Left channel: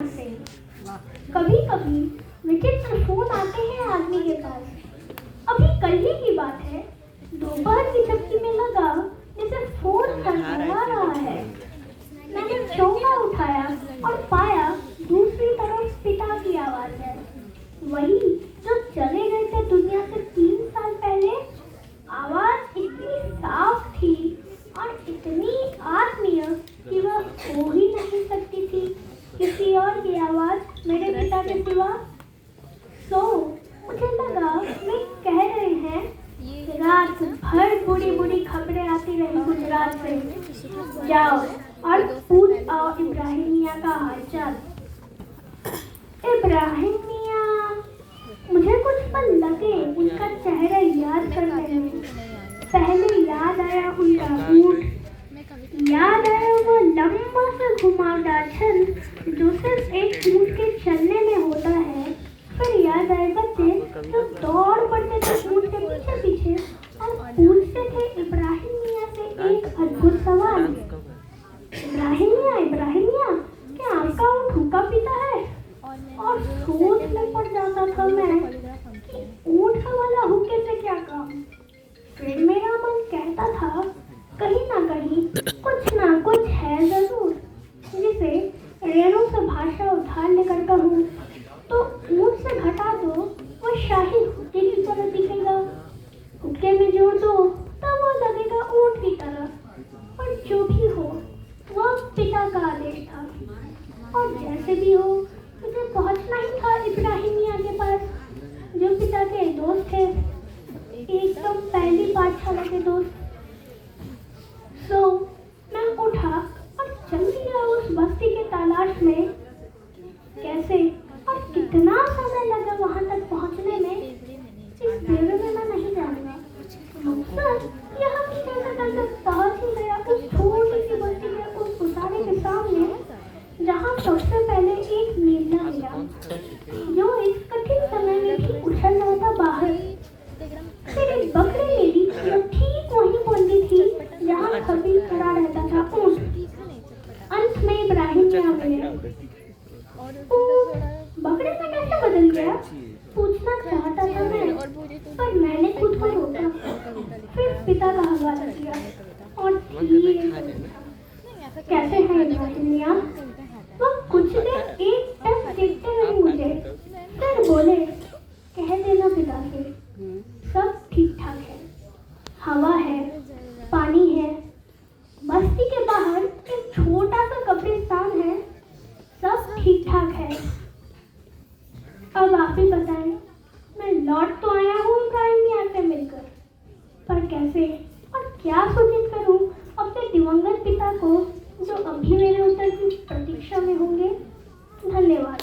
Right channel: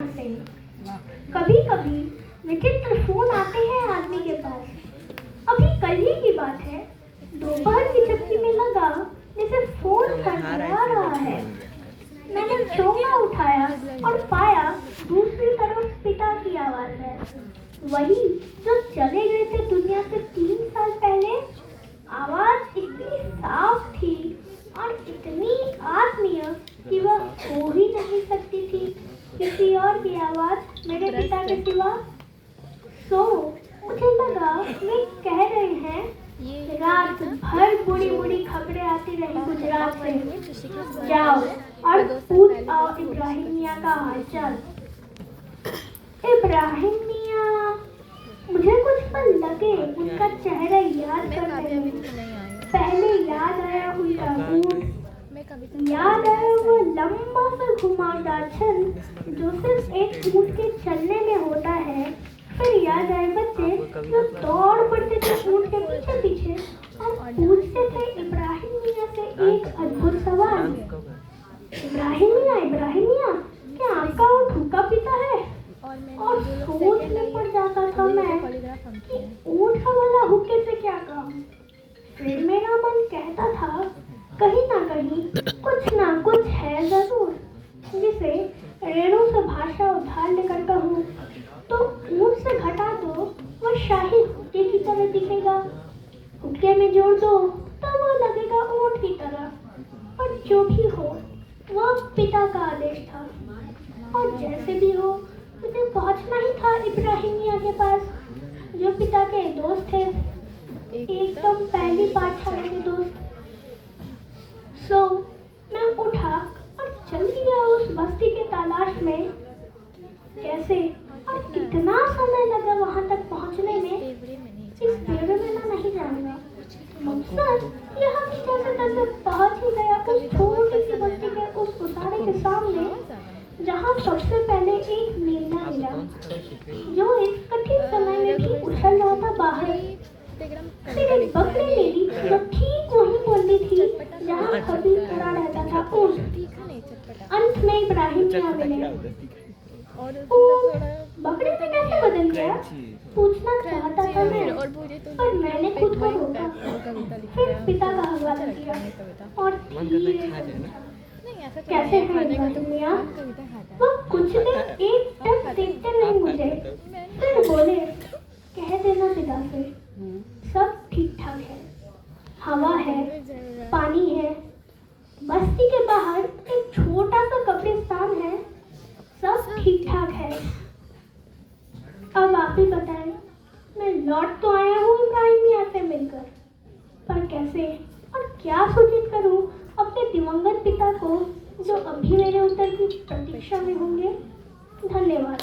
कभी कभी विचित्र फोन आते हैं आदमी के पास। अभी कल ही की बात है, दोपहर की चक्की में लगा जैसे फोन खड़खड़ा रहा है। मैंने चौंका उठाया और पाया दूसरी तरफ पिता की आवाज है, वही जो चले गए थे दुनिया से 3 साल पहले। आवाज इतनी साफ थी और इतनी आत्मीय कि वह हो ही नहीं सकती थी किसी और की आवाज मेरे पिता के सिवा। मुझे लगा वे कह रहे हैं, रात भर बुरी बुरी खबरें आती रही गुजरात से, जाओ और पूछ आओ इब्राहिम मियाँ का हालचाल। इब्राहिम मियाँ, मुझे कुछ पल लगे उनका चेहरा याद करने में। पहले याद आया उनका बूट, याद आया वो लंबा सा घुमावदार छल जो सिर्फ एक ऊँट के चलने में होता है। फिर याद आए बच्चे जो दौड़ पड़ते थे ऊँट के पीछे पीछे और पूछते थे इब्राहिम मियाँ से एक अद्भुत सवाल, इब्राहिम मियाँ, क्या आपका ऊँट हुक्का पीता है? और सोच में पड़ जाता था मैं कि ऊँट का वाला हुक्के से क्या काम। फिर मेरा मन कहता था कहीं ना कुछ है जरूर, जिसे रेणु से भाषा उधार लेकर कहूँ तो ऊँट से घटा दो वो शाही हुक्के की तरह दिखेगा, हुक्के में जोड़ दो तो वो लगेगा ऊँट की तरह। और जो भी हो वह पिता का आदेश था, और जैसे भी हो मुझे पहुंचना ही था इब्राहिम मियाँ के पास, जो पिता के दोस्त थे, एकदम पहली पाठशाला के दोस्त। मैं उठा और चल दिया उस बस्ती के तलाश में। कैसे और कितना समय लगा वहां तक पहुंचने में, इस ब्यौरे में मैं नहीं जानूंगा। मकसद यह कि कैसे कैसे पहुंच ही गया उस छोटी सी बस्ती के उस उसारे के सामने, जहां सबसे पहले एक नीला मिला जो इस कठिन समय में भी उछल रहा था बाहर। फिर एक बकरी मेरी जो ठीक वहीं बोली थी जहां कभी खड़ा रहता था ऊँट। अंत में इब्राहिम मियाँ मिले। बकरी से कैसे बदल गया पूछना चाहता था मैं, पर मैंने खुद को रोका। फिर पिता का हवाला किया और धीरे से पूछा, कैसे है इब्राहिम मियाँ? वो कुछ देर एक टक देखते रहे मुझे, फिर बोले, कह देना पिता से सब ठीक ठाक है, हवा है, पानी है, बस्ती के बाहर एक छोटा सा कब्रिस्तान है, सब ठीक ठाक है। अब आप ही बताएं, मैं लौट तो आया हूँ इब्राहिम मियाँ से मिलकर, पर कैसे और क्या सूचित करूँ अपने दिवंगत पिता को जो अभी मेरे उत्तर की प्रतीक्षा में होंगे। धन्यवाद।